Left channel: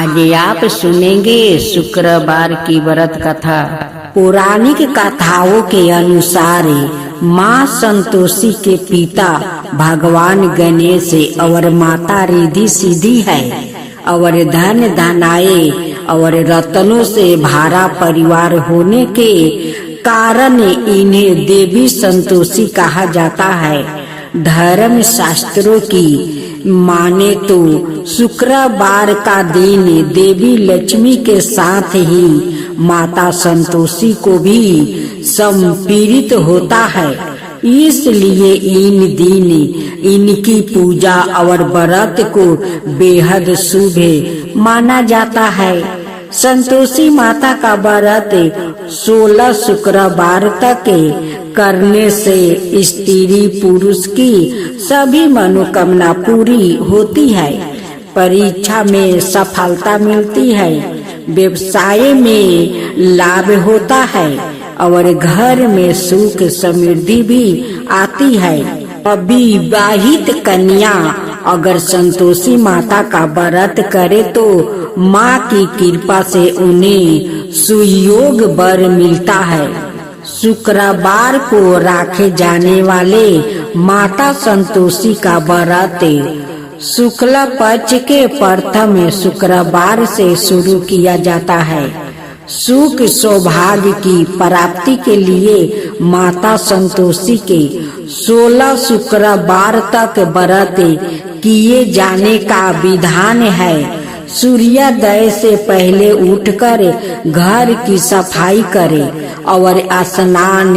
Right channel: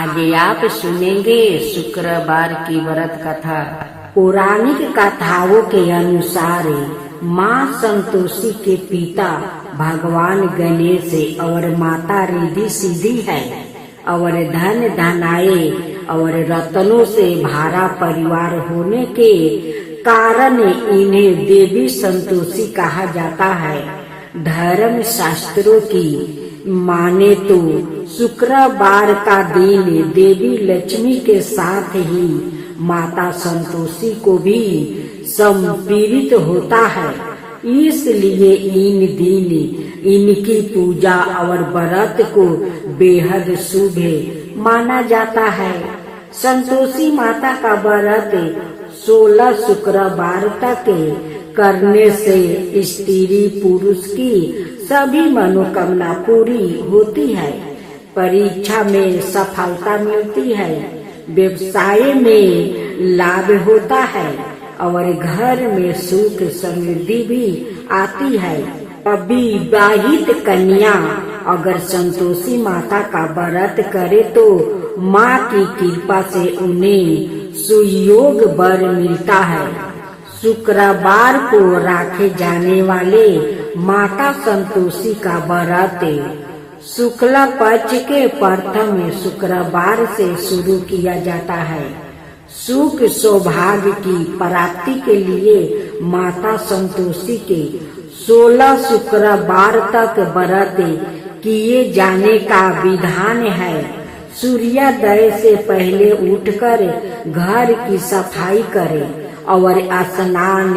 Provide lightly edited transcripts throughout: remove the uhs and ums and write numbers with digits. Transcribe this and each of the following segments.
आज आप सुनेंगे शुक्रवार की व्रत कथा। पौराणिक कथाओं के अनुसार माँ संतोषी के पिता भगवान गणेश और माता रिद्धि सिद्धि है और धन धनाए और रत्नों से भरा परिवार होने के कारण इन्हें देवी संतोषी कहा जाता है। धर्म शास्त्रों की माने तो शुक्रवार का दिन देवी लक्ष्मी के साथ ही माता संतोषी को भी समर्पित होता है, इसलिए इन दिन इनकी पूजा और व्रत को बेहद शुभ माना जाता है। संतोषी माता का व्रत 16 शुक्रवार तक करने से स्त्री पुरुष की सभी मनोकामना पूरी होती है, परीक्षा में सफलता मिलती है, व्यवसाय में लाभ होता है और घर में सुख समृद्धि भी आती है। अविवाहित कन्या अगर संतोषी माता का व्रत करे तो माँ की कृपा से उन्हें सुयोग वर मिलता है। शुक्रवार को रखे जाने वाले माता संतोषी का व्रत शुक्ल पक्ष के प्रथम शुक्रवार से शुरू किया जाता है। सुख सौभाग्य की प्राप्ति के लिए माता संतोषी के 16 शुक्रवार तक व्रत किए जाने का विधान है। सूर्योदय से पहले उठकर घर की सफाई करें और स्नान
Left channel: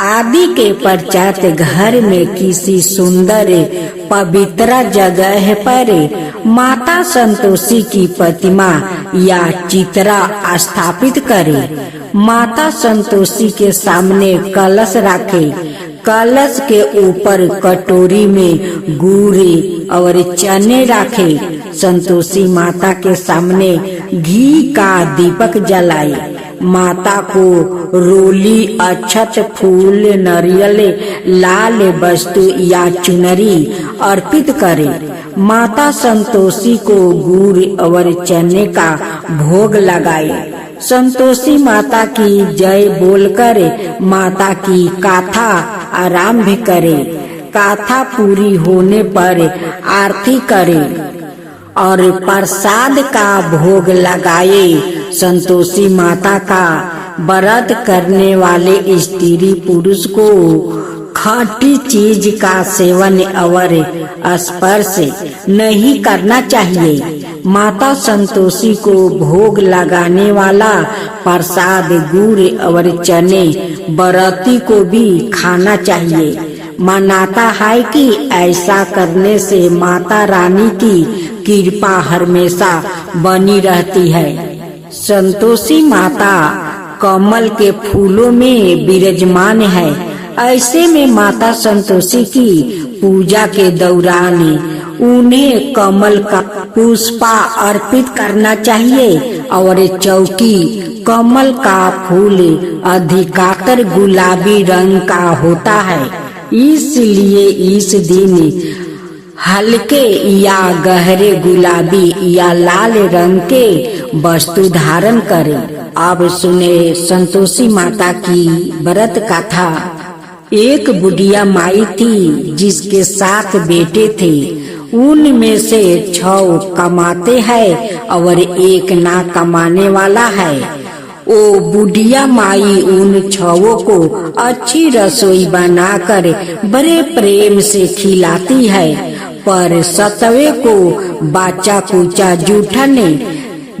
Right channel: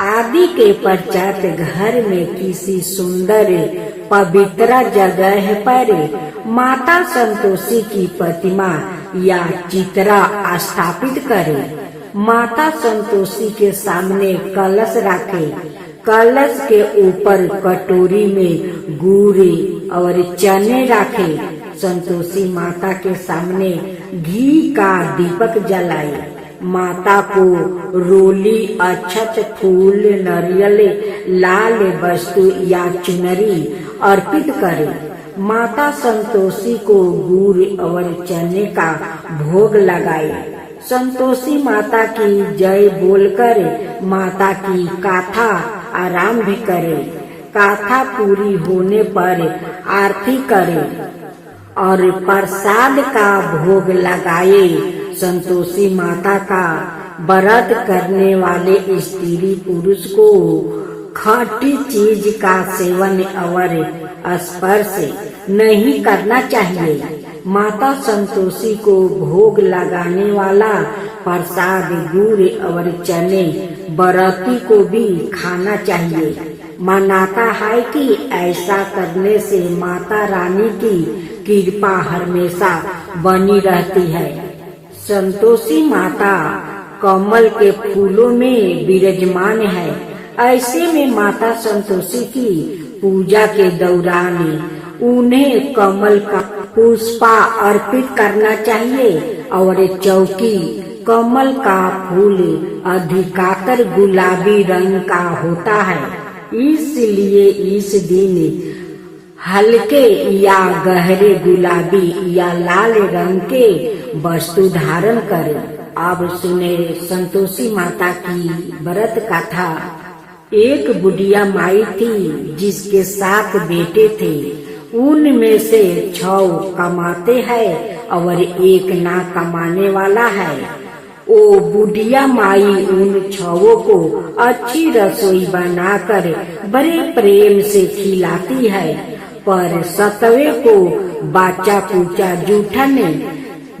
आदि के पश्चात घर में किसी सुंदर पवित्र जगह पर माता संतोषी की प्रतिमा या चित्र स्थापित करें। माता संतोषी के सामने कलश रखें। कलश के ऊपर कटोरी में गुड़ और चने रखें। संतोषी माता के सामने घी का दीपक जलाए। माता को रोली, अक्षत, फूल, नारियल, लाल वस्तु या चुनरी अर्पित करें। माता संतोषी को गुड़ और चने का भोग लगाए। संतोषी माता की जय बोलकर माता की गाथा आरंभ करें। गाथा पूरी होने पर आरती करें और प्रसाद का भोग लगाए। संतोषी माता का व्रत करने वाले स्त्री पुरुष को खट्टी चीज का सेवन और स्पर्श नहीं करना चाहिए। माता संतोषी को भोग लगाने वाला प्रसाद गुड़ और चने व्रती को भी खाना चाहिए। मानता है कि ऐसा करने से माता रानी की कृपा हमेशा बनी रहती है। संतोषी माता कमल के फूलों में विराजमान है। ऐसे में माता संतोषी की पूजा के दौरान उन्हें कमल का पुष्प अर्पित करना चाहिए और चौकी कमल का फूल अधिकतर गुलाबी रंग का होता है, इसलिए इस दिन हल्के या गहरे गुलाबी या लाल रंग के वस्तु धारण करें। अब सुने संतोषी माता की व्रत कथा। एक बुढ़िया माई थी जिसके 7 बेटे थे। उनमें से 6 कमाते हैं और 1 ना कमाने वाला है। ओ बुढ़िया माई उन 6 को अच्छी रसोई बनाकर बड़े प्रेम से खिलाती है, पर 7वें को बाचा कुचा जूठन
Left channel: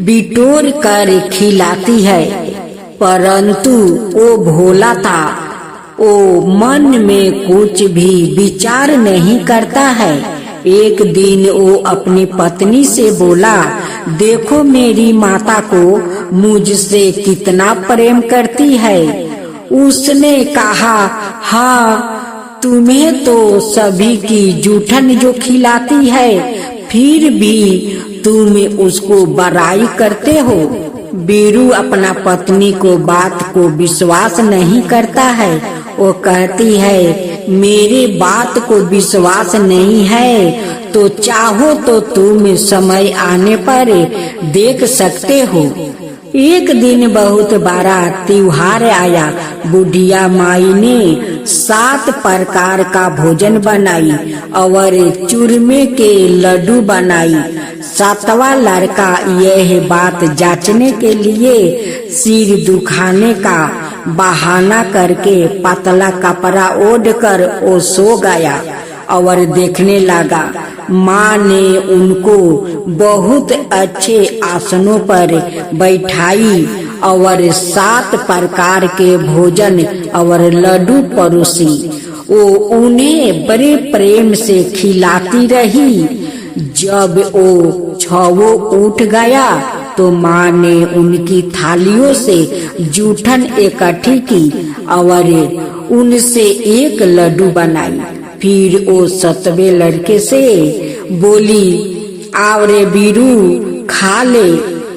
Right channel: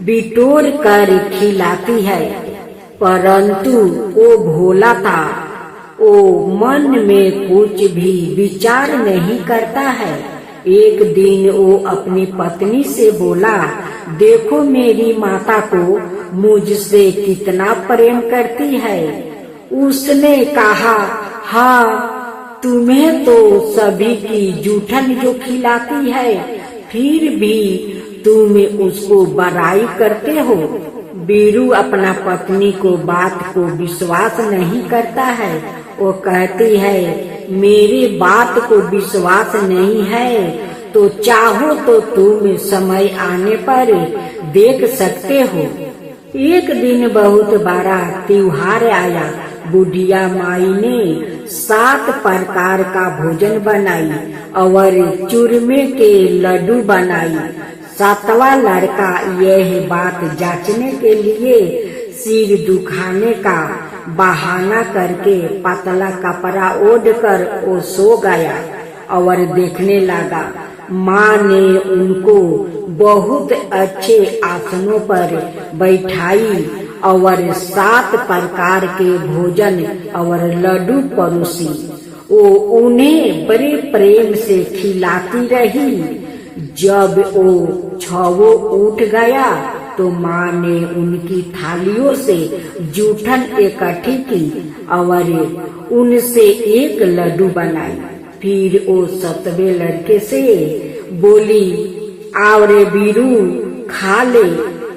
बिटोर कर खिलाती है। परंतु वो भोला था, वो मन में कुछ भी विचार नहीं करता है। एक दिन वो अपनी पत्नी से बोला, देखो मेरी माता को मुझसे कितना प्रेम करती है। उसने कहा, हाँ तुम्हें तो सभी की जूठन जो खिलाती है, फिर भी तुम उसको बड़ाई करते हो। बीरू अपना पत्नी को बात को विश्वास नहीं करता है। वो कहती है मेरे बात को विश्वास नहीं है तो चाहो तो तुम समय आने पर देख सकते हो। एक दिन बहुत बड़ा त्योहार आया। बुढ़िया माई ने 7 प्रकार का भोजन बनाई और चूरमे के लड्डू बनाई। 7वां लड़का यह बात जांचने के लिए सिर दुखाने का बहाना करके पतला कपड़ा ओढ़ कर वो सो गया और देखने लगा। माँ ने उनको बहुत अच्छे आसनों पर बैठाई और 7 प्रकार के भोजन और लड्डू परोसी। वो उन्हें बड़े प्रेम से खिलाती रही। जब वो 6 उठ गया तो माँ ने उनकी थालियों से जूठन इकट्ठी की और उनसे एक लड्डू बनाई। फिर वो 7वें लड़के से बोली, आओ रे बीरू खा ले।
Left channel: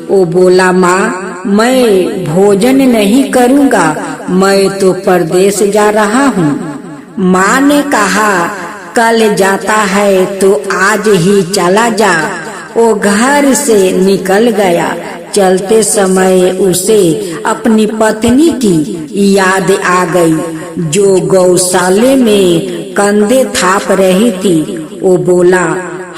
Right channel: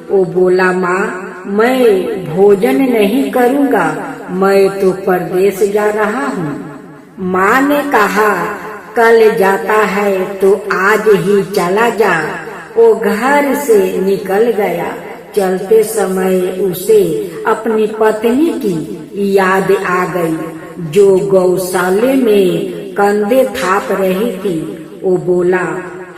वो बोला, माँ मैं भोजन नहीं करूँगा, मैं तो परदेश जा रहा हूँ। माँ ने कहा, कल जाता है तो आज ही चला जा। वो घर से निकल गया। चलते समय उसे अपनी पत्नी की याद आ गई जो गौशाले में कंधे थाप रही थी। वो बोला,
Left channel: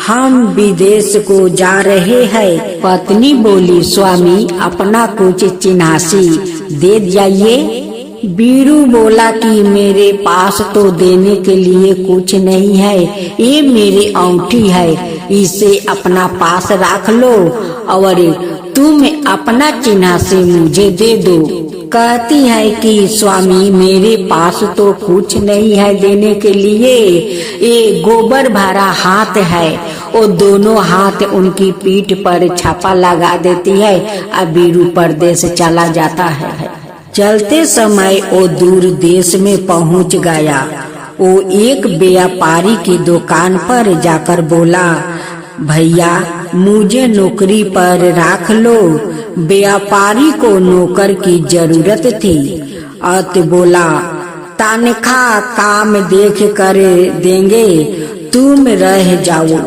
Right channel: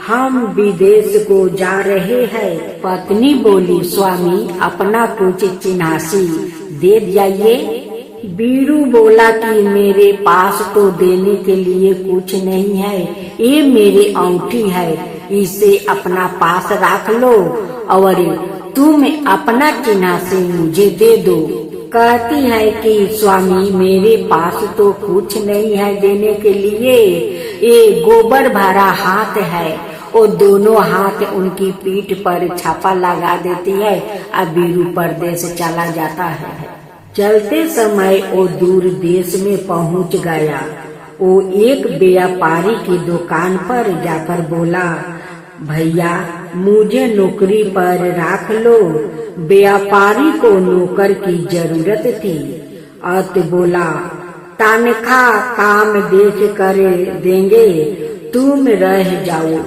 हम विदेश को जा रहे हैं। पत्नी बोली, स्वामी अपना कुछ चिन्हासी दे जाइए। बीरू बोला कि मेरे पास तो देने के लिए कुछ नहीं है, ये मेरी अंगूठी है, इसे अपना पास रख लो और तुम अपना चिन्हासी मुझे दे दो। कहती है कि स्वामी मेरे पास तो कुछ नहीं है देने के लिए, ये गोबर भरा हाथ है। वो दोनों हाथ उनकी पीठ पर छापा लगा देती है और बीरू परदेश चला जाता है। चलते समय वो दूर देश में पहुंच गया। वो एक व्यापारी की दुकान पर जाकर बोला, भैया मुझे नौकरी पर रख लो। व्यापारी को नौकर की जरूरत थी। अत बोला, तनख्वाह काम देख कर देंगे, तुम रह जाओ।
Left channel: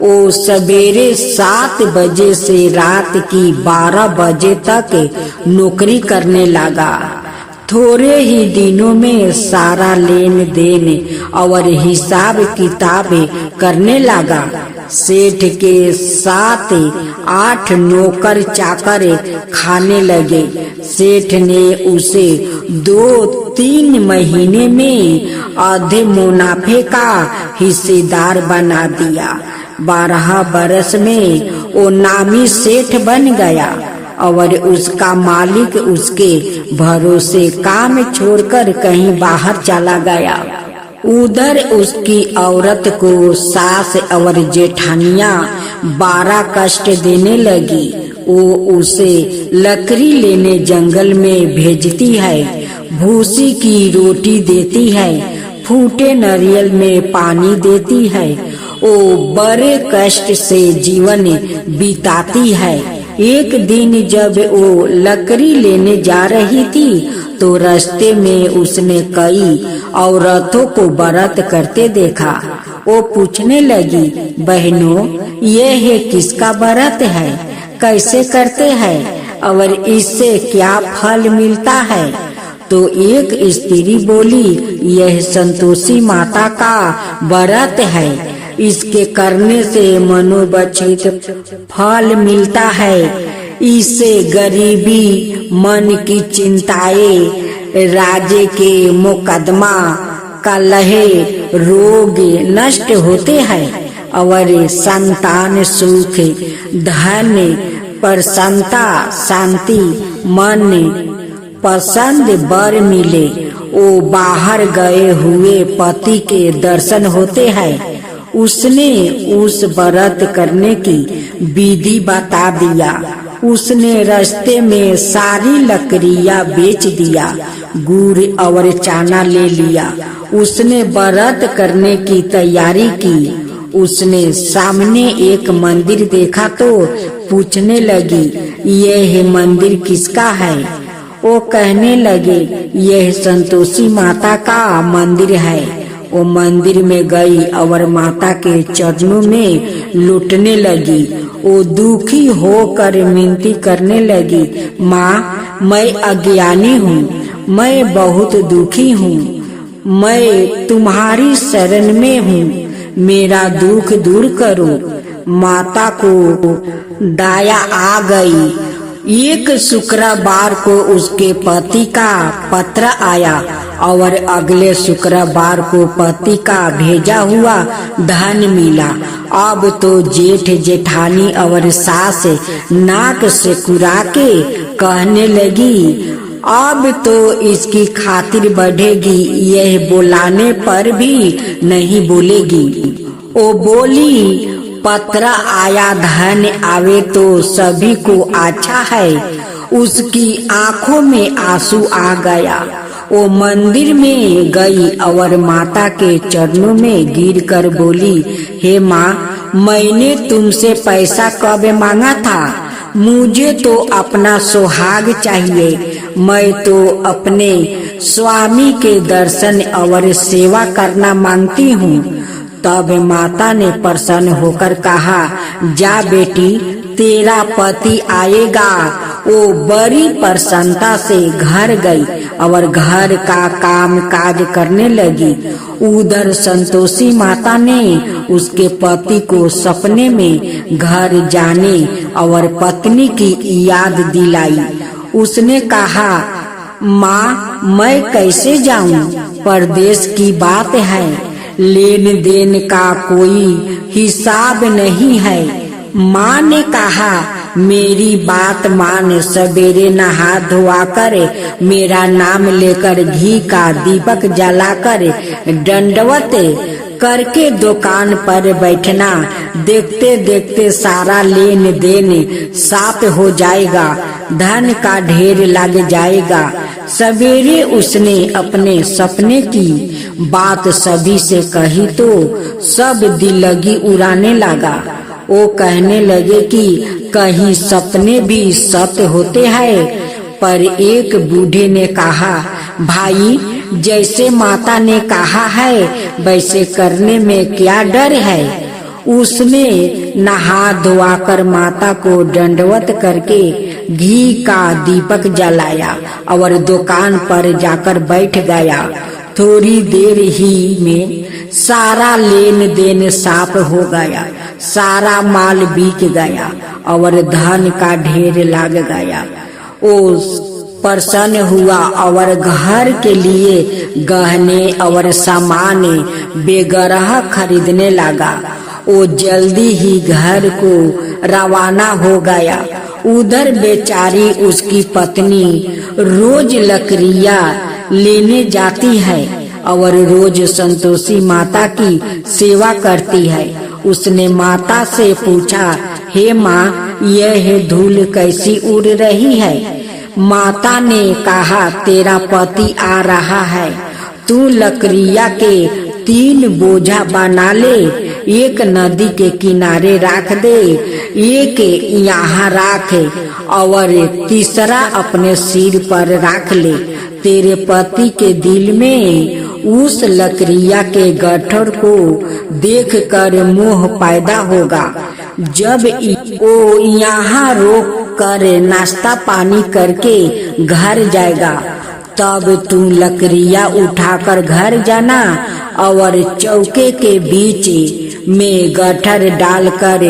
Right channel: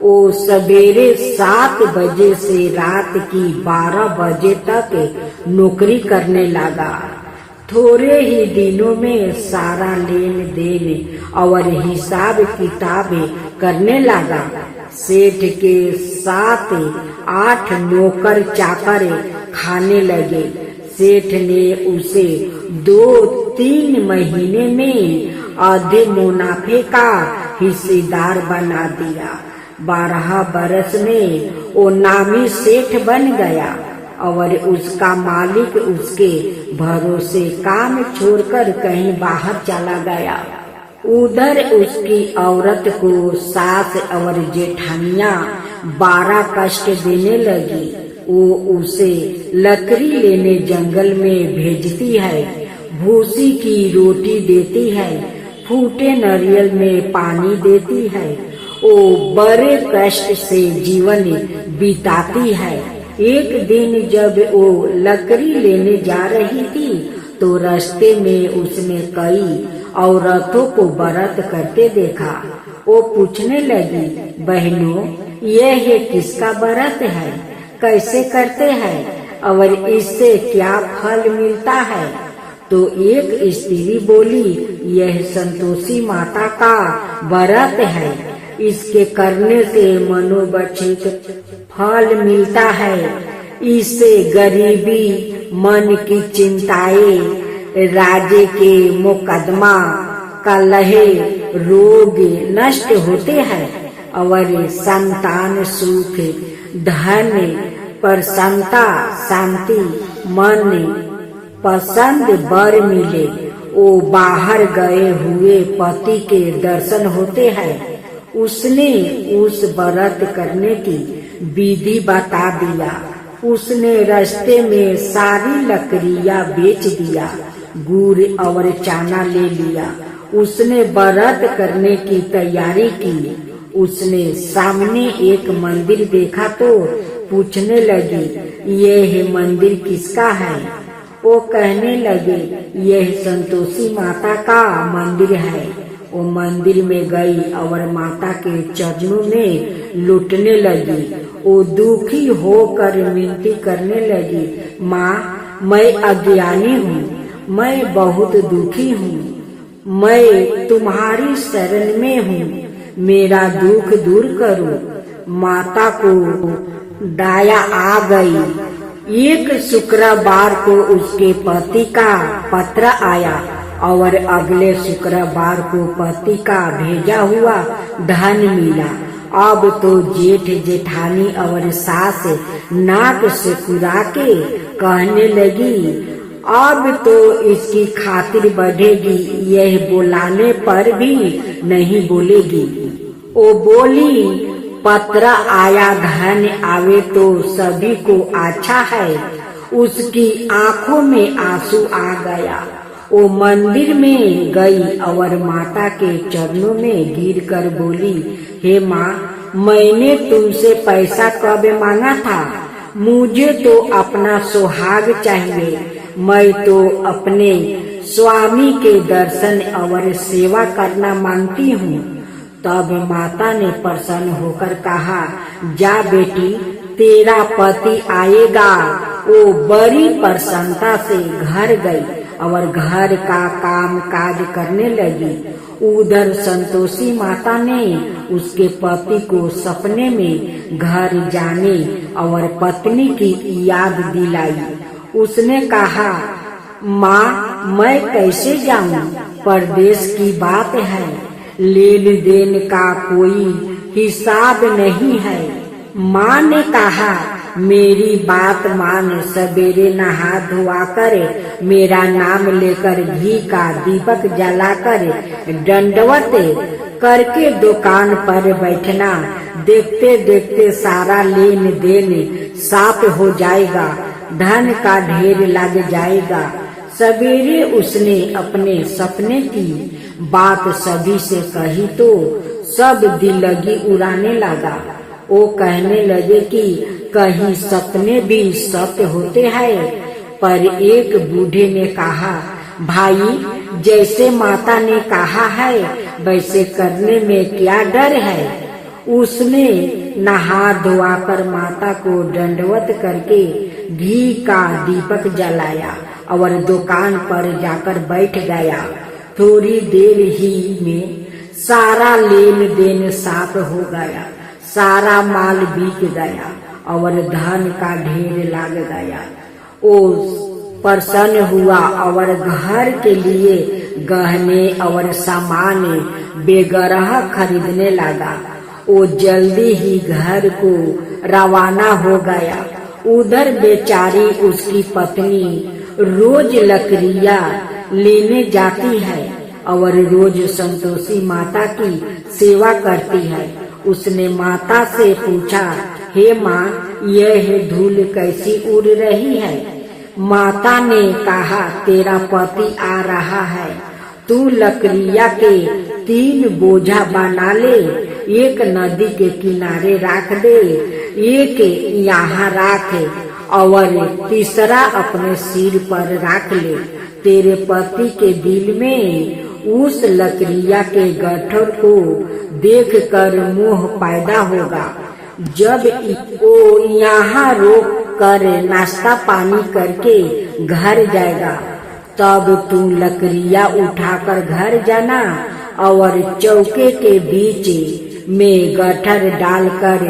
वो सवेरे 7 बजे से रात की 12 बजे तक नौकरी करने लगा। थोड़े ही दिनों में सारा लेन देन और हिसाब किताब करने लगा। सेठ के 7-8 नौकर चाकर खाने लगे। सेठ ने उसे 2-3 महीने में आधे मुनाफे का हिस्सेदार बना दिया। 12 बरस में वो नामी सेठ बन गया और उसका मालिक उसके भरोसे काम छोड़कर कहीं बाहर चला गया। उधर उसकी औरत को सास और जेठानियां 12 कष्ट देने लगी। वो उसे लकड़ी लेने जंगल में भेजती है, भूसी की रोटी देती है, फूटे नारियल में पानी देती है। वो बड़े कष्ट से जीवन बिताती है। एक दिन जब वो लकड़ी लेने जा रही थी तो रास्ते में उसने कई औरतों को व्रत करते देखा। वो पूछने लगी, बहनों यह किसका व्रत है, कैसे करते हैं और इससे क्या फल मिलता है? तो एक स्त्री बोली, यह संतोषी माता का व्रत है, इसके करने से मनोवांछित फल मिलता है। इससे गरीबी, मन की चिंताएं, राजे के मुकदमा, कलह, रोग नष्ट होते हैं और संतान सुख, धन, प्रसन्नता, शांति, मन पसंद वर मिले। वो बाहर गए हुए पति के दर्शन होते हैं। उसने उस व्रत करने की विधि बता दिया। उसने रास्ते में सारी लकड़ियां बेच दिया, गुड़ और चाना ले लिया। उसने व्रत करने की तैयारी की। उसने सामने एक मंदिर देखा तो पूछने लगी, यह मंदिर किसका है? वो कहने लगे, यह संतोषी माता का मंदिर है। वो मंदिर में गई और माता के चरणों में लुटने लगी। वो दुखी होकर मिनती करने लगी, माँ मैं अज्ञानी हूँ, मैं बहुत दुखी हूँ, मैं तुम्हारी शरण में हूँ, मेरा दुख दूर करो। माता को दया आ गई। एक शुक्रवार को उसके पति का पत्र आया और अगले शुक्रवार को पति का भेजा हुआ धन मिला। अब तो जेठ जेठानी और सास नाक से कुरा के कहने लगी, अब तो इसकी खातिर बढ़ेगी, यह बुलाने पर भी नहीं बोलेगी। ओ बोली, पत्र आया धन आवे तो सभी को अच्छा है। उसकी आंखों में आंसू आ गया। वो मंदिर में गई और माता के चरणों में गिरकर बोली, हे माँ, मैंने तुमसे पैसा कब मांगा था? मुझे तो अपना सुहाग चाहिए। मैं तो अपने स्वामी के दर्शन और सेवा करना मांगती हूँ। तब माता ने प्रसन्न होकर कहा, जा बेटी, तेरा पति आएगा। वो बड़ी प्रसन्नता से घर गई और घर का काम काज करने लगी। उधर संतोषी माता ने उसके पति को सपने में घर जाने और पत्नी की याद दिलाई। उसने कहा, माँ मैं कैसे जाऊं? परदेश की बात है, लेन देन का कोई हिसाब नहीं है। माँ ने कहा, मेरी बात मान, सवेरे नहा धोआ कर मेरा नाम लेकर घी का दीपक जलाकर दंडवत करके दुकान पर बैठना। देखते देखते सारा लेन देन साफ हो जाएगा, धन का ढेर लग जाएगा। सवेरे उसने अपने सपने की बात सभी से कही तो सब दिलगी उड़ाने लगा। वो कहने लगे कि कहीं सपने भी सत्य होते हैं। पर एक बूढ़े ने कहा, भाई, जैसे माता ने कहा है वैसे करने में क्या डर है। उसने नहा धोआकर माता को दंडवत करके घी का दीपक जलाया और दुकान पर जाकर बैठ गया। थोड़ी देर ही में सारा लेन देन साफ हो गया, सारा माल बिक गया और धन का ढेर लग गया। वो प्रसन्न हुआ और घर के लिए गहने और सामान बेगरह खरीदने लगा। वो जल्दी ही घर को रवाना हो गया। उधर बेचारी उसकी पत्नी रोज लकड़ियाँ लेने जाती है और रोज संतोषी माता की सेवा करती है। उसने माता से पूछा, हे माँ, यह धूल कैसी उड़ रही है? माता ने कहा, तेरा पति आ रहा है, तू लकड़िया के 3 बोझा बना ले, एक नदी के किनारे रख दे, एक यहाँ रख और तीसरा अपने सिर पर रख ले। तेरे पति के दिल में उस लकड़िया के गट्ठर को देखकर मोह पैदा होगा। जब वो यहाँ रोक कर नाश्ता पानी करके घर जाएगा, तब तू लकड़ियाँ उठाकर घर जाना और चौके के बीच में गट्ठर डालकर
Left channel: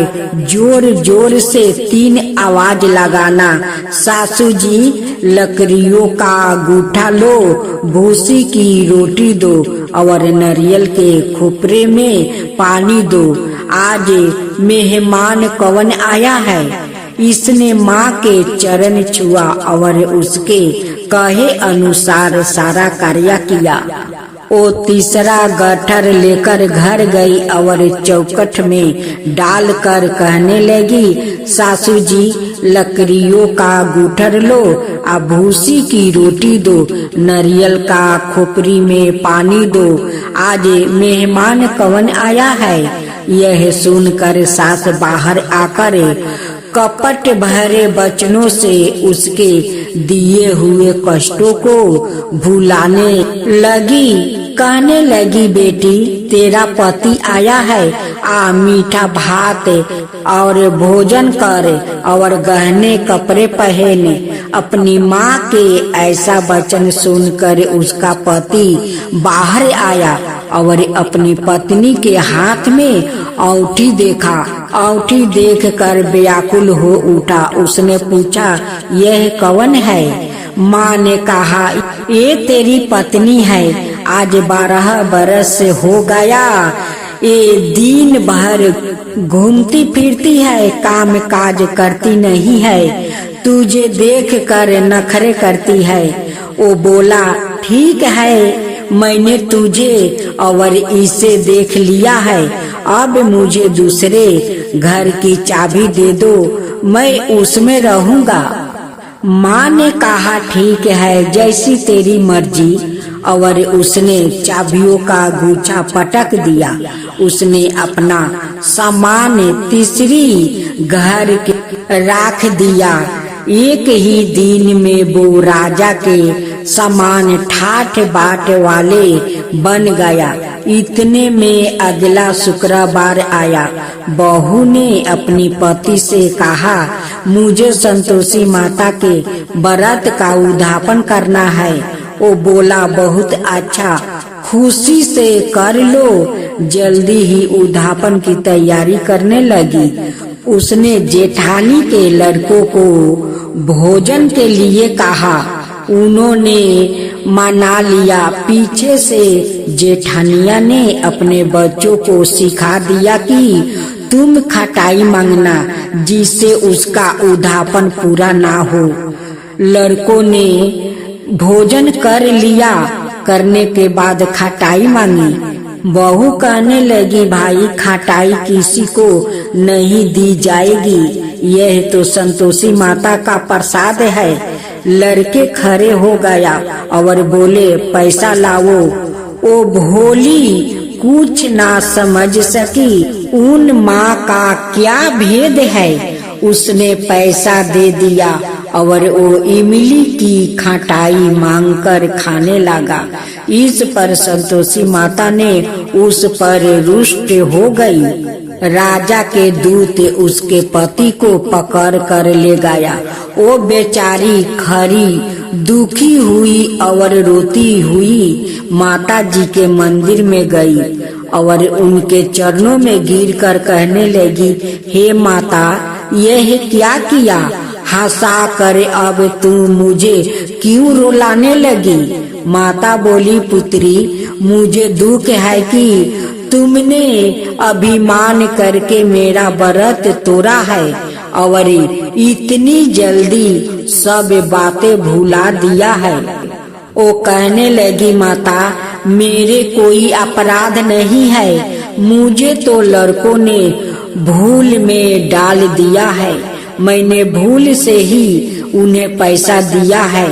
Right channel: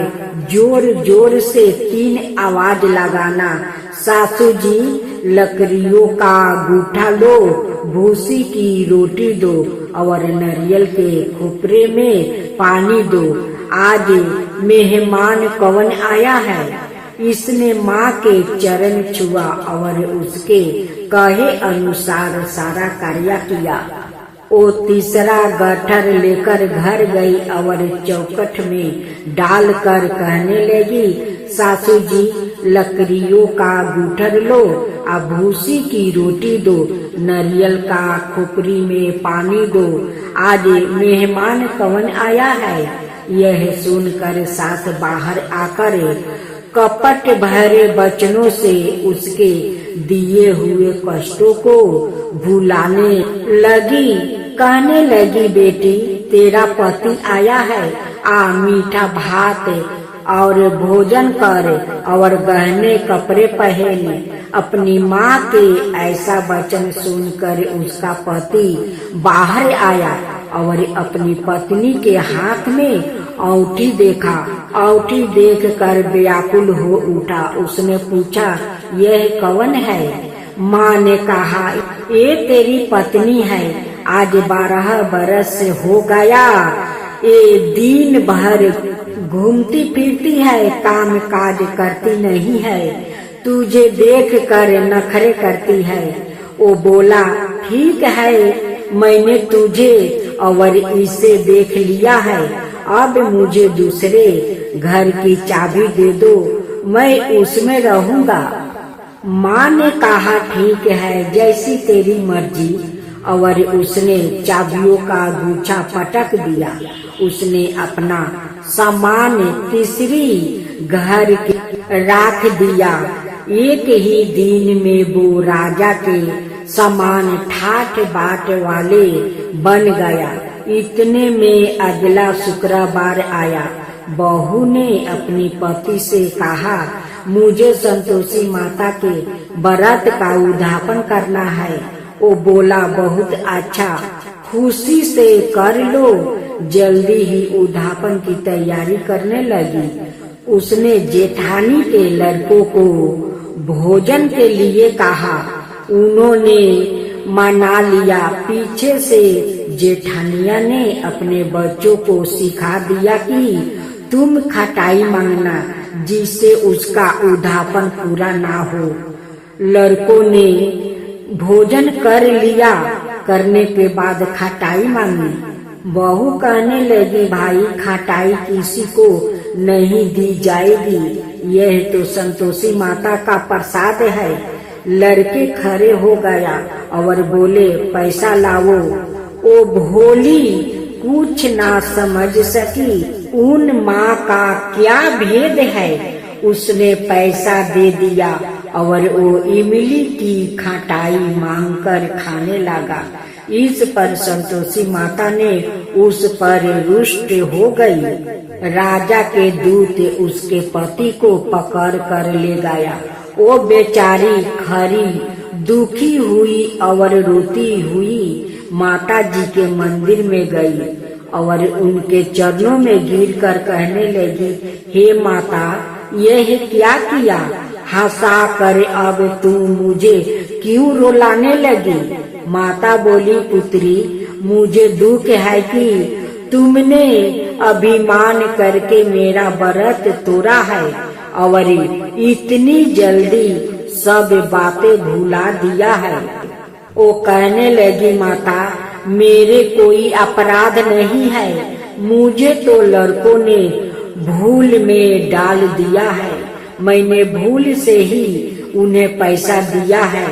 जोर जोर से 3 आवाज लगाना, सासू जी लकड़ियों का गूठा लो, भूसी की रोटी दो और नारियल के खोपरे में पानी दो। आज मेहमान कौन आया है? इसने माँ के चरण छुआ और उसके कहे अनुसार सारा कार्य किया। वो तीसरा गट्ठर लेकर घर गई और चौखट में डालकर कहने लगी, सासू जी लकड़ियों का गूठर लो, भूसी की रोटी दो, नारियल का खोपरी में पानी दो। आज मेहमान कौन आया है? यह सुनकर सास बाहर आकर कपट भरे वचनों से उसके दिए हुए कष्टों को भुलाने लगी। कहने लगी, बेटी तेरा पति आया है, आ मीठा भात और भोजन कर और गहने कपड़े पहने। अपनी माँ के ऐसा वचन सुनकर उसका पति बाहर आया और अपनी पत्नी के हाथ में औंठी देखा। औंठी देखकर व्याकुल हो उठा। उसने पूछा, यह कौन है? माँ ने कहा, ये तेरी पत्नी है, आज 12 बरस से हो गया, ये दिन भर घूमती फिरती है, काम काज करती नहीं है, तुझे देख कर नखरे करती है। वो बोला, ठीक है, मैंने तुझे और इसे देख लिया है, अब मुझे दूसरे घर की चाबी दे दो, मैं उसमें रहूंगा। माँ ने कहा, ठीक है, जैसी तेरी मर्जी। और उसने चाबियों का गुच्छा पटक दिया। उसने अपना सामान तीसरी घर के रख दिया। एक ही दिन में वो राजा के समान ठाठ बाट वाले बन गया। इतने में अगला शुक्रवार आया। बहू ने अपनी पति से कहा, मुझे संतोषी माता के व्रत का उद्यापन करना है। वो बोला, बहुत अच्छा, खुशी से कर लो। जल्दी ही उद्यापन की तैयारी करने लगी। उसने जेठानी के लड़कों को भोजन के लिए कहा। उन्होंने मना लिया। पीछे से जेठानिया ने अपने बच्चों को सिखा दिया कि तुम खटाई मांगना, जिससे उसका उद्यापन पूरा ना हो। लड़कों ने भोजन कर लिया। करने के बाद खटाई मांगी। बहू कहने लगी, भाई खटाई किसी को नहीं दी जाएगी, यह तो संतोषी माता का प्रसाद है। लड़के खड़े हो गया और बोले, पैसा लाओ। ओ भोली कुछ ना समझ सकी, उन माँ का क्या भेद है। उसने पैसा दे दिया और वो इमली की खटाई मांगकर खाने लगा। इस पर संतोषी माता ने उस पर रुष्ट हो गई। राजा के दूत उसके पति को पकड़ कर ले गया। वो बेचारी खरी दुखी हुई और रोती हुई माता जी के मंदिर में गई और उनके चरणों में गिरकर कहने लगी, हे माता, यह क्या किया? हंसा कर अब तुम मुझे क्यों रुलाने लगी? माता बोली, पुत्री, मुझे दुख है कि तुमने अभिमान करके मेरा व्रत तोड़ा है और इतनी जल्दी सब बातें भुला दिया है। वो कहने लगी, माता, मेरे कोई अपराध नहीं है, मुझे तो लड़कों ने भूल में डाल दिया है, मैंने भूल से ही उन्हें पैसा दिया है।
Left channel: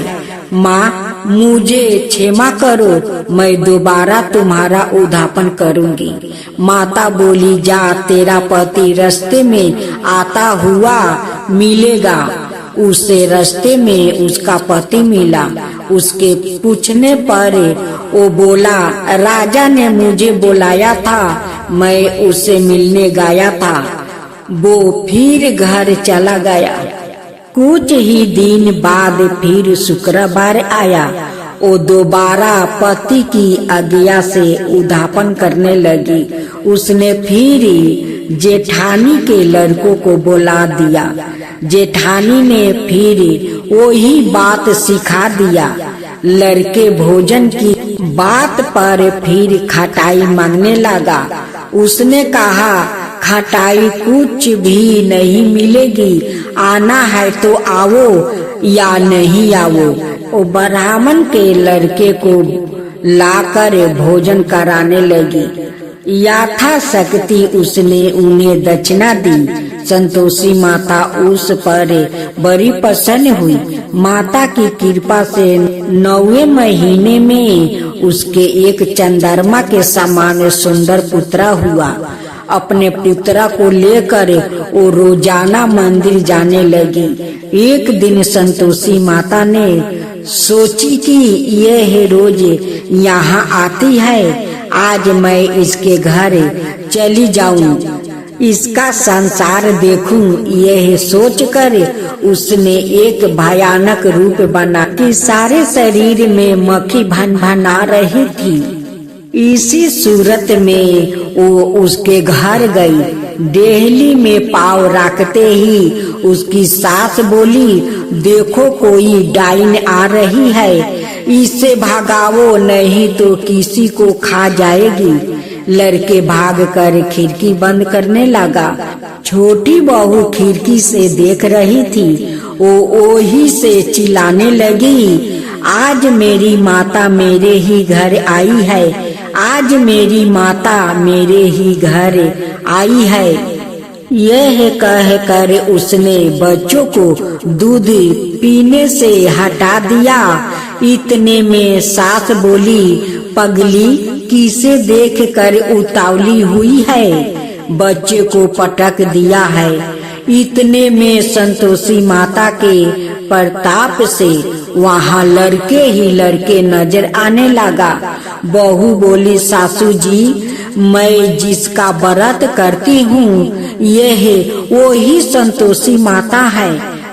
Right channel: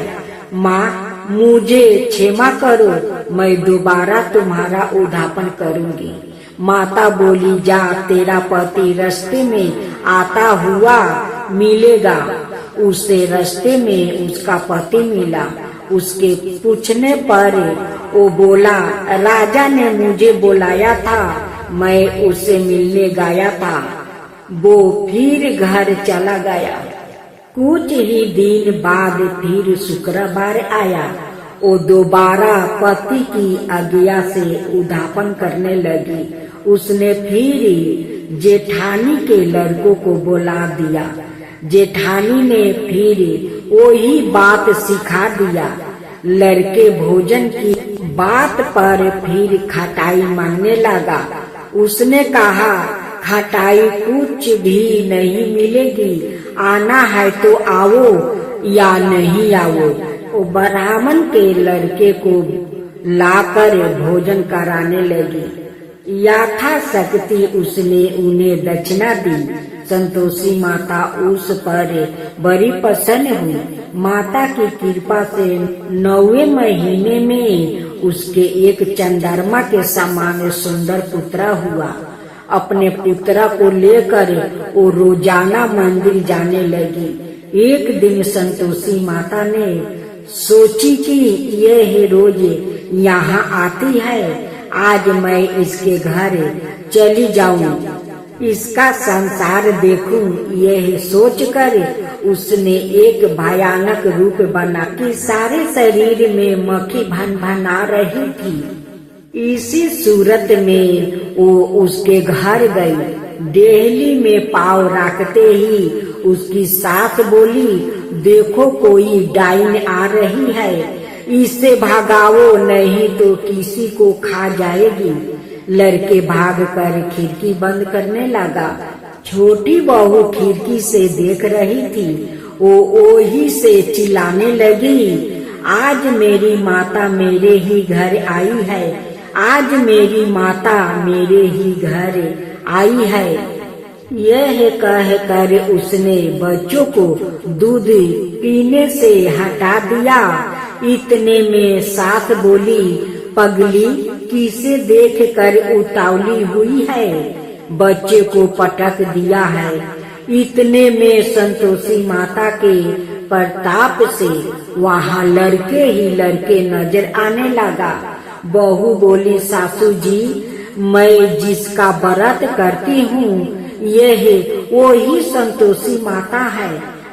माँ, मुझे क्षमा करो, मैं दोबारा तुम्हारा उद्यापन करूंगी। माता बोली, जा, तेरा पति रास्ते में आता हुआ मिलेगा। उसे रास्ते में उसका पति मिला। उसके पूछने पर वो बोला, राजा ने मुझे बुलाया था, मैं उससे मिलने गया था। वो फिर घर चला गया। कुछ ही दिन बाद फिर शुक्रवार आया। वो दोबारा पति की आज्ञा से उद्यापन करने लगी। उसने फिर जेठानी के लड़कों को बुला दिया। जेठानी ने फिर वही बात सिखा दिया। लड़के भोजन की बात पर फिर खटाई मांगने लगा। उसने कहा, खटाई कुछ भी नहीं मिलेगी, आना है तो आओ या नहीं आओ। वो ब्राह्मण के लड़के को लाकर भोजन कराने लगी। यथाशक्ति उसने उन्हें दक्षिणा दी। संतोषी माता उस पर बड़ी प्रसन्न हुई। माता की कृपा से 9वें महीने में उसके एक चंद्रमा के समान सुंदर पुत्र हुआ। अपने पुत्रा को लेकर वो रोजाना मंदिर जाने लगी। एक दिन संतोषी माता ने सोची कि यह रोज यहाँ आती है, आज मैं इसके घर चली जाऊं, इसका संसार देखूं। यह सोचकर उसने एक भयानक रूप बना कि सारे शरीर में मक्खी भन भना रही थी। इसी सूरत में वो उसके घर गई। डेहली में पाँव रखते ही उसकी सास बोली, देखो कोई डाइन आ रही है, इससे भागाओ नहीं तो किसी को खा जाएगी। लड़के भागकर खिड़की बंद करने लगा। छोटी बहू खिड़की से देख रही थी। वो ही से चिल्लाने लगी, आज मेरी माता मेरे ही घर आई है, आज मेरी माता मेरे ही घर आई है। यह कहकर उसने बच्चों को दूध पीने से हटा दिया। इतने में सास बोली, पगली किसे देखकर उतावली हुई है, बच्चे को पटक दिया है। इतने में संतोषी माता के प्रताप से वहाँ लड़के ही लड़के नजर आने लगा। बहू बोली, सासू जी मैं जिसका व्रत करती हूँ यह वही संतोषी माता है।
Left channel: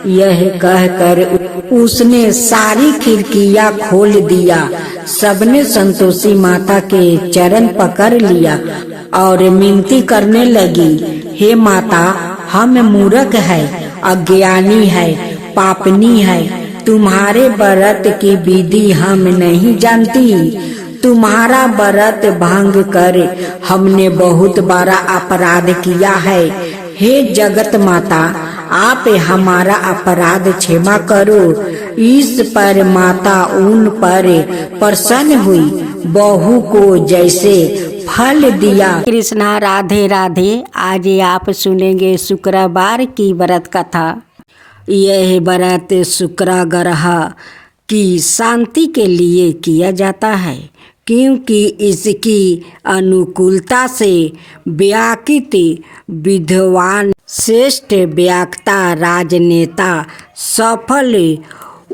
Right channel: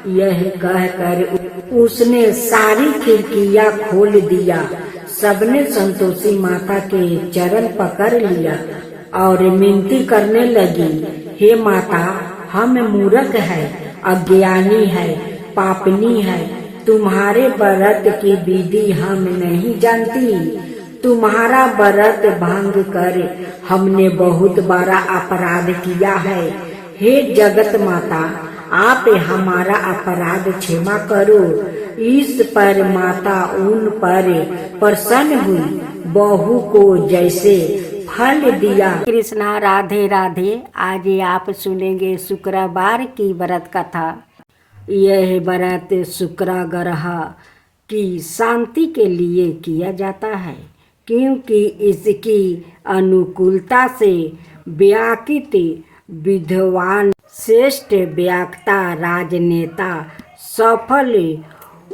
यह कहकर उसने सारी खिड़कियाँ खोल दिया। सबने संतोषी माता के चरण पकड़ लिया और मिनती करने लगी, हे माता हम मूर्ख है, अज्ञानी है, पापनी है, तुम्हारे व्रत की विधि हम नहीं जानती। तुम्हारा व्रत भंग कर हमने बहुत बड़ा अपराध किया है। हे जगत माता आप हमारा अपराध क्षमा करो। इस पर माता उन पर प्रसन्न हुई। बहू को जैसे फल दिया। कृष्णा राधे राधे। आज आप सुनेंगे शुक्रवार की व्रत कथा। यह व्रत शुक्र ग्रह की शांति के लिए किया जाता है, क्योंकि इसकी अनुकूलता से व्याकृत विद्वान, श्रेष्ठ वक्ता, राजनेता, सफल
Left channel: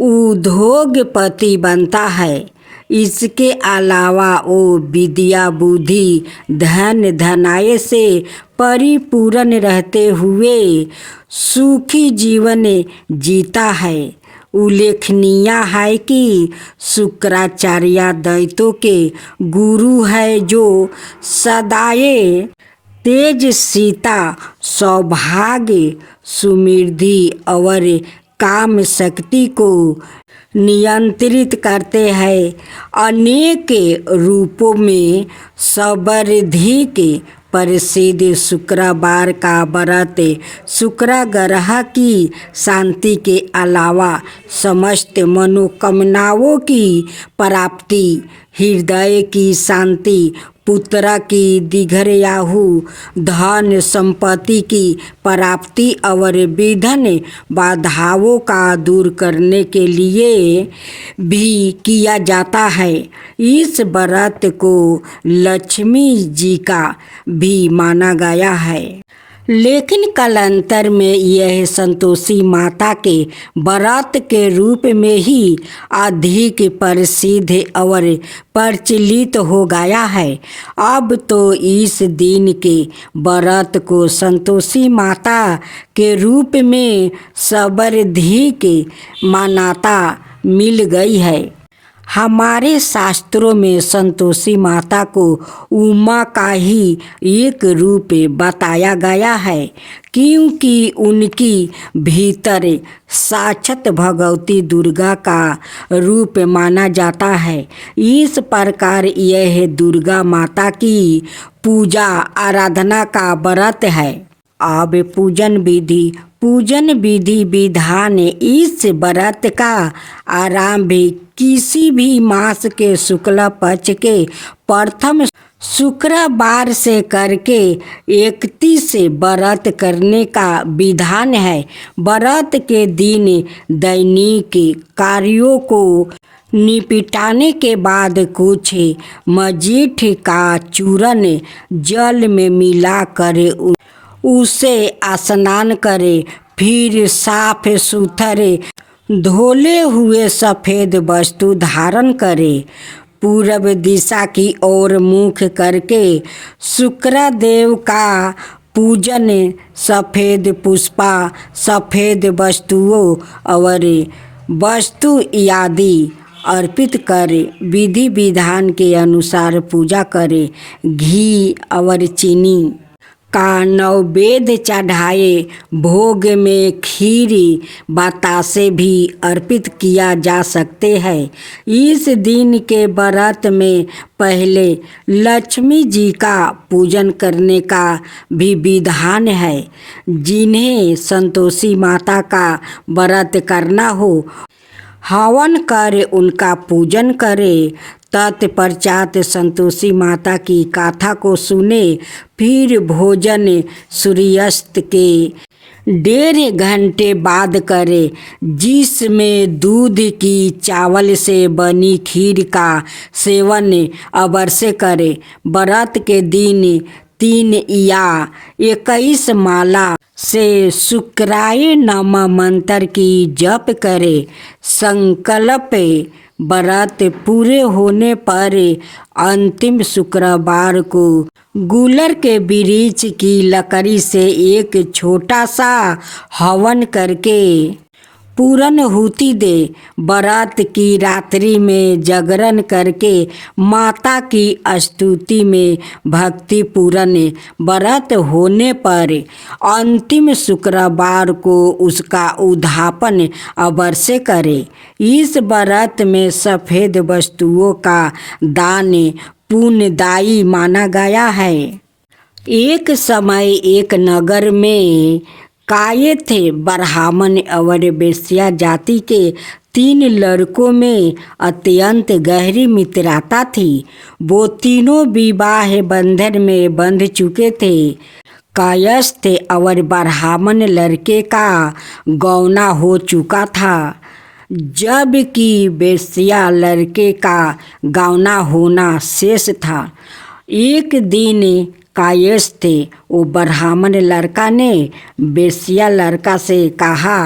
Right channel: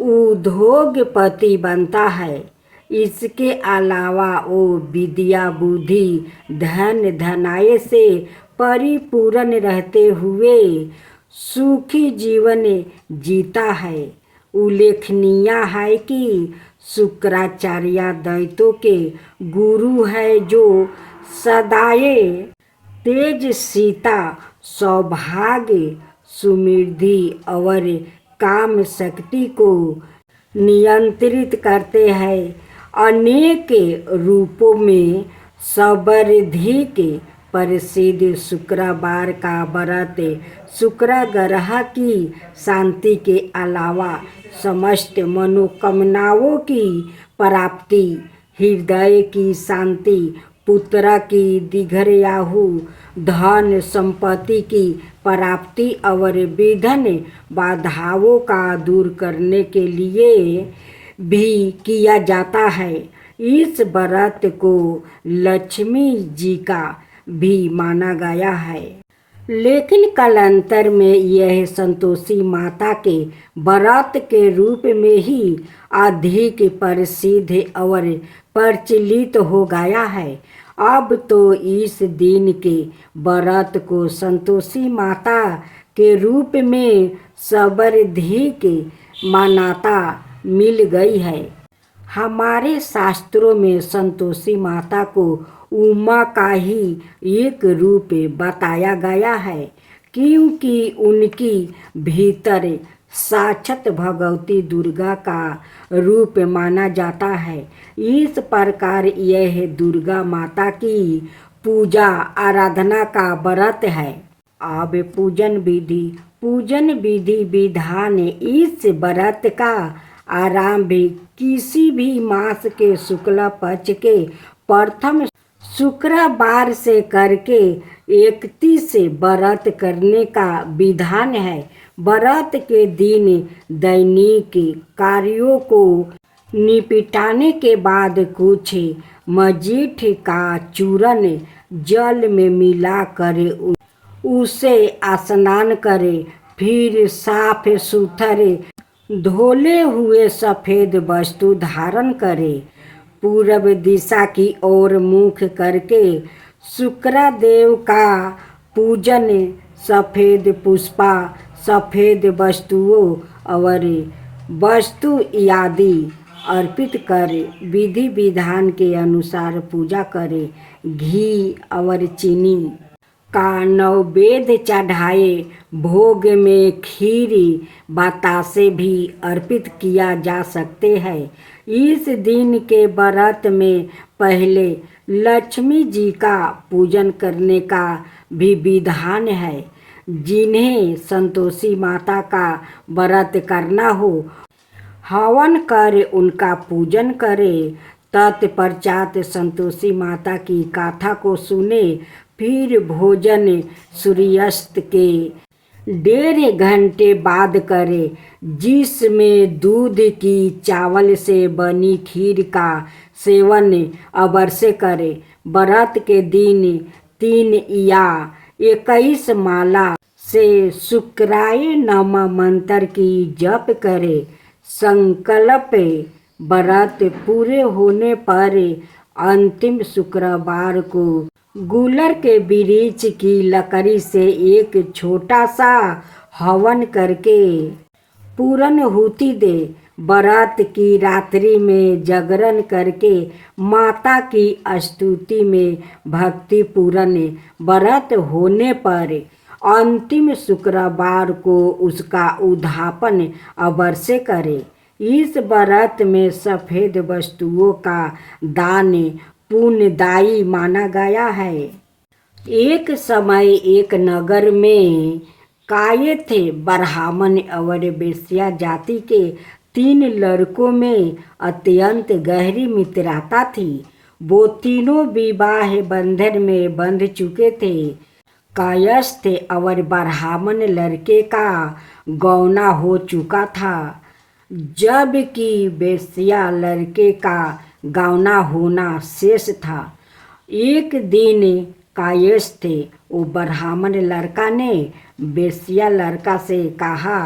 उद्योगपति बनता है। इसके अलावा वो विद्या, बुद्धि, धन, धनाय से परिपूर्ण रहते हुए सुखी जीवन जीता है। उल्लेखनीय है कि शुक्राचार्य दैत्यों के गुरु है, जो सदाए तेजस्विता, सौभाग्य, समृद्धि और काम शक्ति को नियंत्रित करते हैं। अनेक रूपों में समृद्धि के प्रसिद्ध शुक्रवार का व्रत शुक्र ग्रह की शांति के अलावा समस्त मनोकामनाओं की प्राप्ति, हृदय की शांति, पुत्र की दीर्घायु, धन संपत्ति की प्राप्ति और विघ्न बाधाओं का दूर करने के लिए भी किया जाता है। इस व्रत को लक्ष्मी जी का भी माना गया है, लेकिन कालांतर में यह संतोषी माता के व्रत के रूप में ही अधिक प्रसिद्ध और प्रचलित हो गया है। अब तो इस दिन के व्रत को संतोषी माता के रूप में समृद्धि की मान्यता मिल गई है। हमारे शास्त्रों में संतोषी माता को उमा का ही एक रूप बताया गया है, क्योंकि उनकी भीतर साक्षात भगवती दुर्गा का रूप माना जाता है। इस प्रकार यह दुर्गा माता की पूजा आराधना का व्रत है। अब पूजन विधि विधान। इस व्रत का आरंभ किसी भी मास के शुक्ल पक्ष के प्रथम शुक्रवार से करके 31 व्रत करने का विधान है। व्रत के दिन दैनिक कार्यों को निपटाने के बाद कुछ मजीठ का चूर्ण जल में मिलाकर उसे स्नान करे, फिर साफ सुथरे धोले हुए सफेद वस्तु धारण करे, पूरब दिशा की ओर मुख करके शुक्रदेव का पूजन, सफेद पुष्पा, सफेद वस्तुओं और वस्तु आदि अर्पित करे, विधि विधान के अनुसार पूजा करे। घी और चीनी का नैवेद्य चढ़ाए, भोग में खीर बतासे भी अर्पित किया जा सकते हैं। इस दिन के व्रत में पहले लक्ष्मी जी का पूजन करने का भी विधान है। जिन्हें संतोषी माता का व्रत करना हो, हवन कर उनका पूजन करे। तत्पश्चात संतोषी माता की गाथा को सुने, फिर भोजन सूर्यास्त के 1.5 घंटे बाद करे, जिसमें दूध की चावल से बनी खीर का सेवन अवश्य करे। व्रत के दिन 3 या 21 माला से शुक्राय नमः मंत्र की जप करे। संकल्प व्रत पूरे होने पर अंतिम शुक्रवार को गुलर के वृक्ष की लकड़ी से एक छोटा सा हवन करके पूर्णाहुति दे। व्रत की रात्रि में जागरण करके माता की स्तुति में भक्ति पूर्ण व्रत होने पर अंतिम शुक्रवार को उसका उद्यापन अवश्य करे। इस व्रत में सफेद वस्तुओं का दान पुण्यदायी माना गया है। एक समय एक नगर में काये थे ब्राह्मण और वेश्या जाति के 3 लड़कों में अत्यंत गहरी मित्रता थी। वो तीनों विवाह बंधन में बंध चुके थे। कायस्थ और ब्राह्मण लड़के का गौना हो चुका था, जबकि वेश्या लड़के का गौना होना शेष था। एक दिन कायस्थ वो ब्राह्मण लड़का ने वेश्या लड़का से कहा,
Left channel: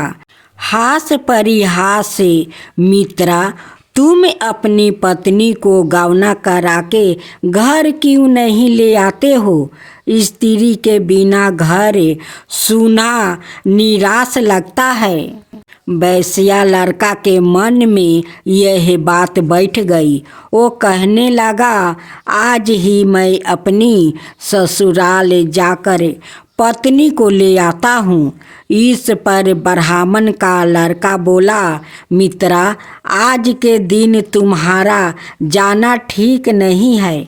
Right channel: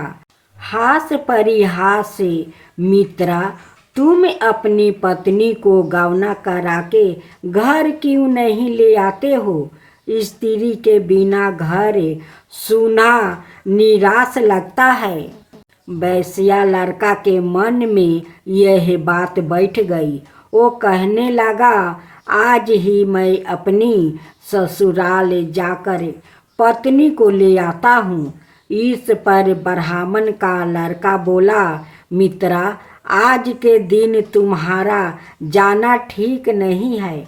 हास परिहास मित्रा, तुम अपनी पत्नी को गौना करा के घर क्यों नहीं ले आते हो? स्त्री के बिना घर सूना निराश लगता है। वेश्या लड़का के मन में यह बात बैठ गई। वो कहने लगा, आज ही मैं अपनी ससुराल जाकर पत्नी को ले आता हूँ। इस पर ब्राह्मण का लड़का बोला, मित्रा, आज के दिन तुम्हारा जाना ठीक नहीं है,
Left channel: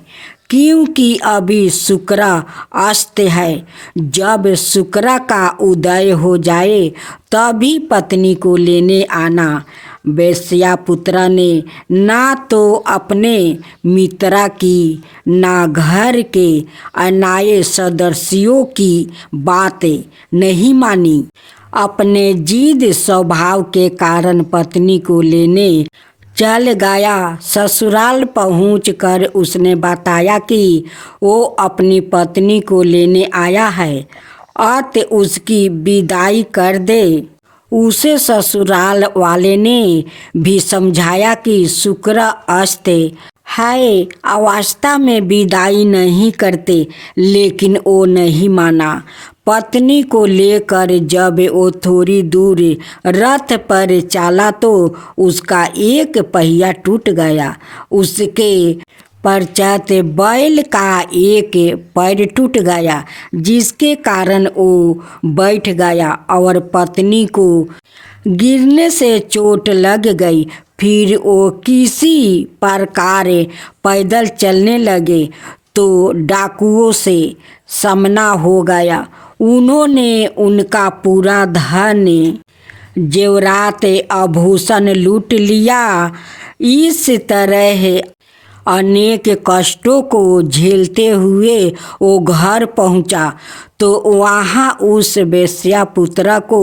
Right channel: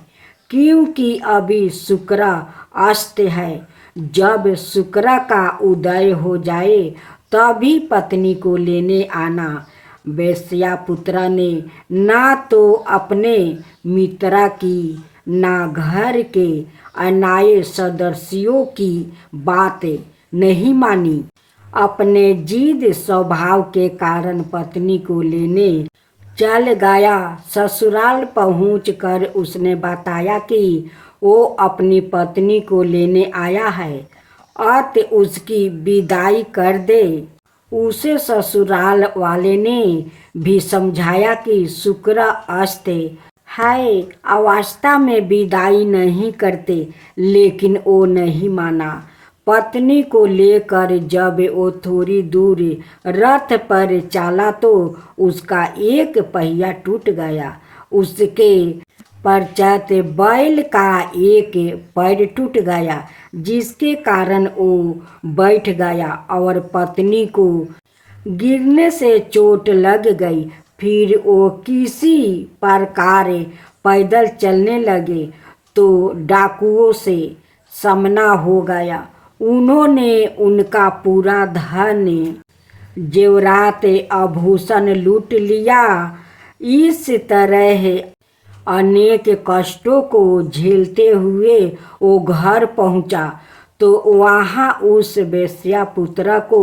क्योंकि अभी शुक्र अस्त है। जब शुक्र का उदय हो जाए तभी पत्नी को लेने आना। वेश्या पुत्र ने ना तो अपने मित्रा की ना घर के अन्य सदस्यों की बातें नहीं मानी। अपने जिद स्वभाव के कारण पत्नी को लेने चल गया। ससुराल पहुंचकर उसने बताया कि वो अपनी पत्नी को लेने आया है, अत उसकी विदाई कर दे। उसे ससुराल वाले ने भी समझाया कि शुक्र अस्त है, अवस्था में विदाई नहीं करते, लेकिन वो नहीं माना। पत्नी को लेकर जब वो थोड़ी दूर रथ पर चला तो उसका एक पहिया टूट गया। उसके पश्चात बैल का एक पैर टूट गया, जिसके कारण वो बैठ गया और पत्नी को गिरने से चोट लग गई। फिर वो किसी प्रकार पैदल चलने लगे तो डाकुओं से सामना हो गया। उन्होंने उनका पूरा धन जेवरात आभूषण लूट लिया। इस तरह अनेक कष्टों को झेलते हुए वो घर पहुंचा तो वहाँ उस वेश्या पुत्र को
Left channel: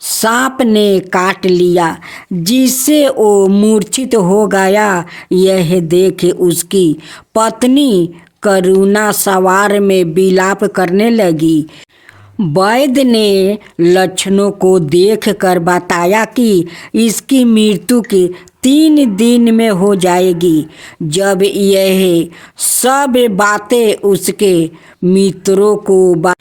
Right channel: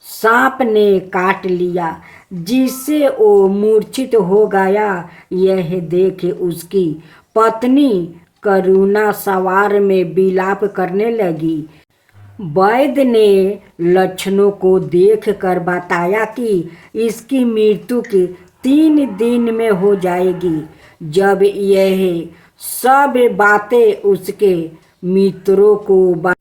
सांप ने काट लिया, जिससे वो मूर्छित हो गया। यह देख उसकी पत्नी करुणा सवार में विलाप करने लगी। वैद्य ने लक्षणों को देखकर बताया कि इसकी मृत्यु के 3 दिन में हो जाएगी। जब यह सब बातें उसके मित्रों को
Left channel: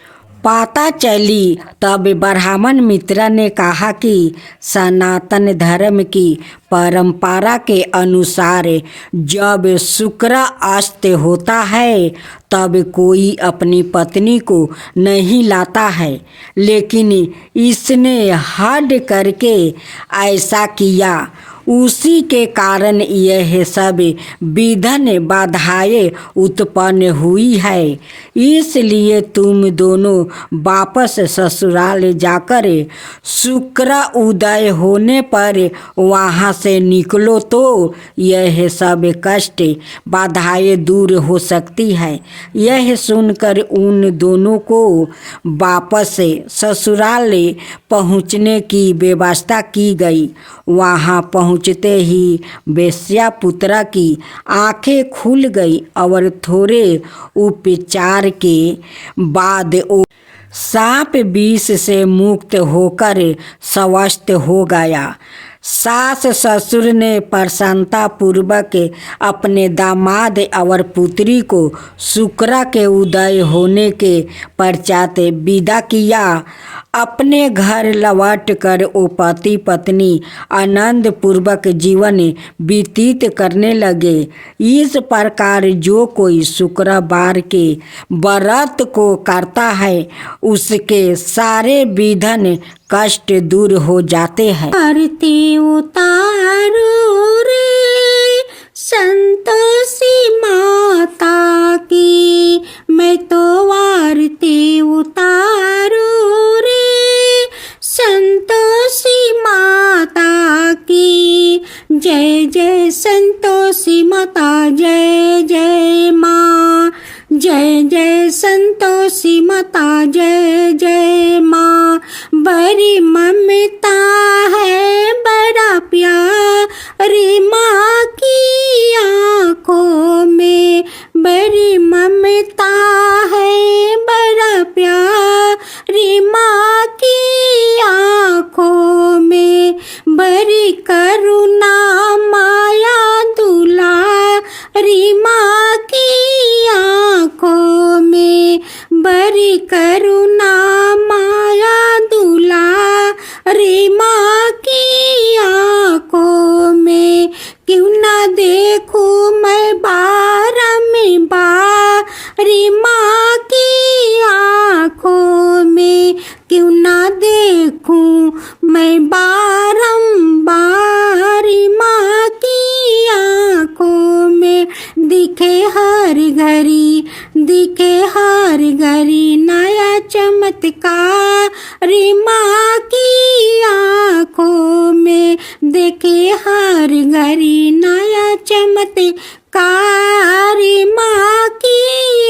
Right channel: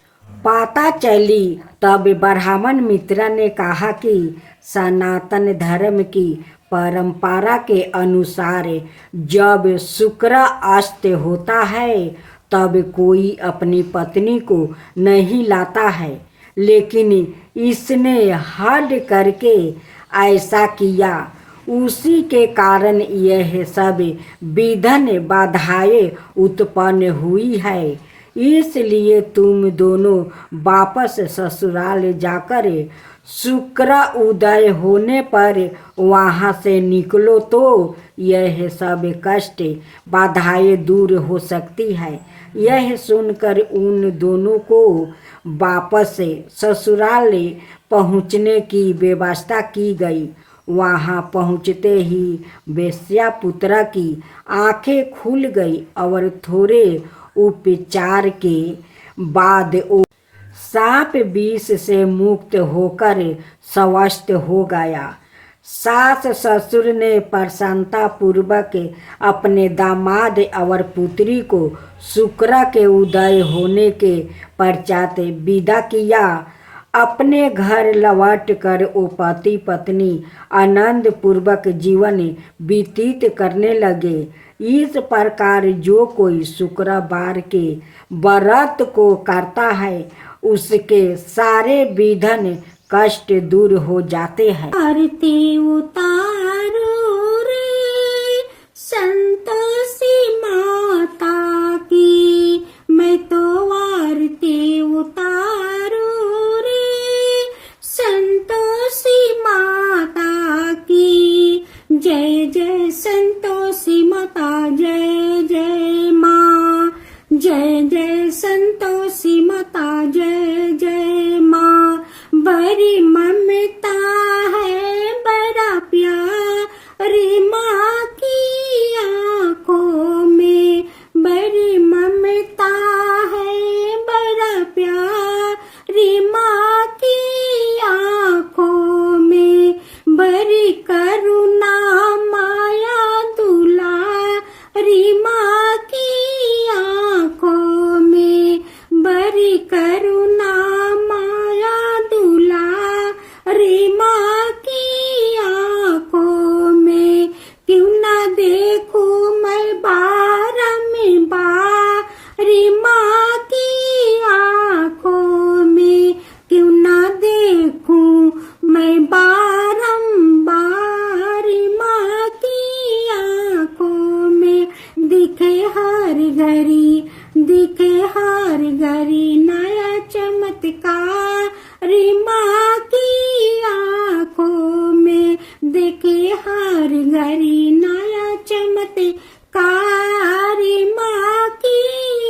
पता चली तब ब्राह्मण मित्र ने कहा कि सनातन धर्म की परंपरा के अनुसार जब शुक्र अस्त होता है तब कोई अपनी पत्नी को नहीं लाता है, लेकिन इसने हद करके ऐसा किया। उसी के कारण यह सब विघ्न बाधाएं उत्पन्न हुई है। इसलिए तुम दोनों वापस ससुराल जाकर शुक्र उदय होने पर वहाँ से निकलो तो यह सब कष्ट बाधाएं दूर हो सकती है। यह सुनकर उन दोनों को वापस ससुराल पहुँचने की व्यवस्था की गई। वहाँ पहुँचते ही वेश्यापुत्र की आंखें खुल गई और थोड़े उपचार के बाद वो सांप विष से मुक्त होकर स्वस्थ हो गया। सास ससुर ने प्रसन्नता पूर्वक अपने दामाद और पुत्री को शुक्र के उदय होने के पश्चात विदा किया। अपने घर लौट कर वो पति पत्नी आनंद पूर्वक जीवन व्यतीत करने लगे। इस प्रकार जो कोई शुक्रवार के व्रत को करता है उसके सारे विघ्न कष्ट दूर हो जाते हैं। आरती उतारो रे संतोषी माता की, मैं तो आरती उतारू रे संतोषी माता की। जय जय संतोषी माता, जय जय माँ। जय जय संतोषी माता, जय जय माँ। बड़ी ममता है, बड़ा प्यारी माँ की आँखों में। बड़ी ममता है, बड़ा प्यारी माँ की आँखों में। बड़ी करुणा माया दुलारी माँ की आँखों में। बड़ी करुणा माया दुलारी माँ की आँखों में। क्यों ना देखूं मैं बारी माँ की आँखों में। क्यों ना देखूं मैं बारी माँ की आँखों में। दिखे हर घड़ी, दिखे हर घड़ी नया चमत्कारी माँ की आँखों में। देखे हर घड़ी नया चमत्कारी माँ की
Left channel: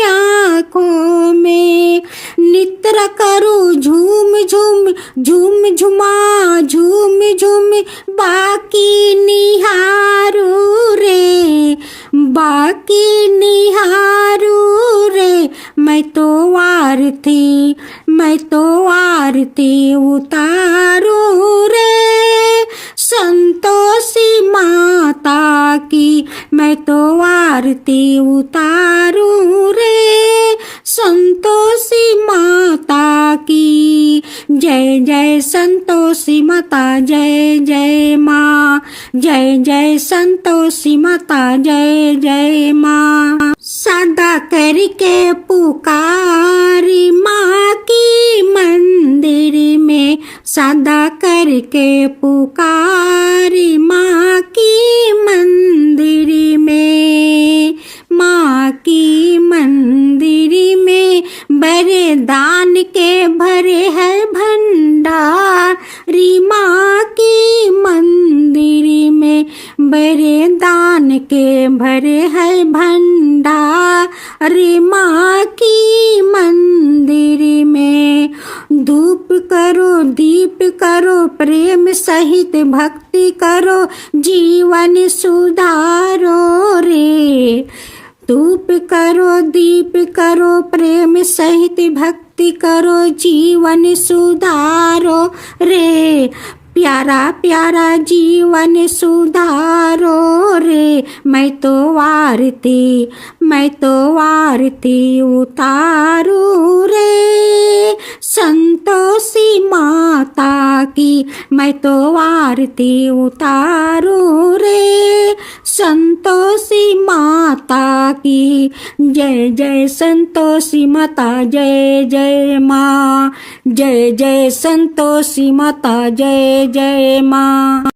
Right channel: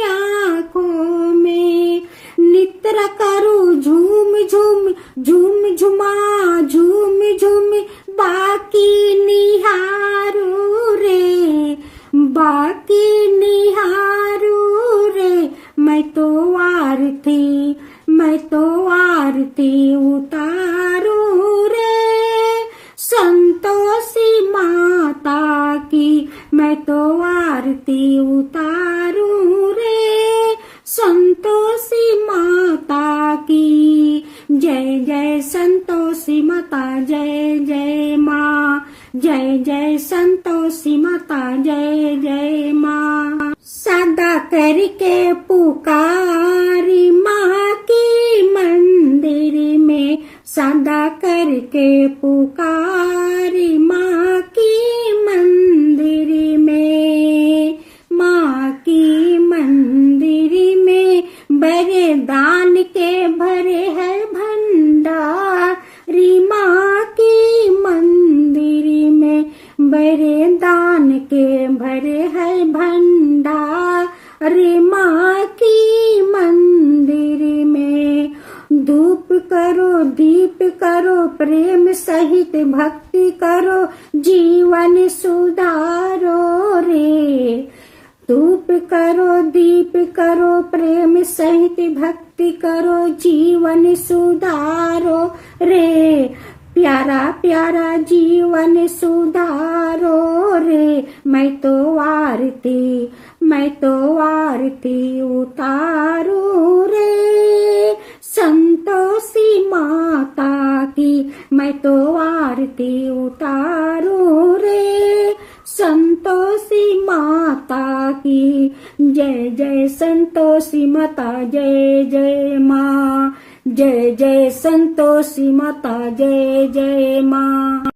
आँखों में। नित्र करो झूम झूम, झूम झुमा झूम झूम बाकी निहारू रे, बाकी निहारू रे। मैं तो आरती, मैं तो आरती उतारू रे संतोषी माता की। मैं तो आरती उतारू रे संतोषी माता की। जय जय संतोषी माता, जय जय माँ। जय जय संतोषी माता, जय जय माँ। सदा करके पुकारी माँ की मंदिर में। सदा करके पुकारी माँ की मंदिर में। माँ की मंदिर में बड़े दान के भरे है भंडारी। माँ की मंदिर में बड़े दान के भरे है भंडारी। माँ की मंदिर में धूप करो, दीप करो, प्रेम सहित भक्ति करो, जीवन सुधारो रे। धूप करो, दीप करो, प्रेम सहित भक्ति करो जीवन सुधारो रे, प्यारा प्यारा जीवन सुधारो रे। मैं तो आरती उतारू रे, संतोषी माता की मैं तो आरती उतारू रे, संतोषी माता की। जय जय संतोषी माता, जय जय माँ, जय जय संतोषी माता, जय जय माँ।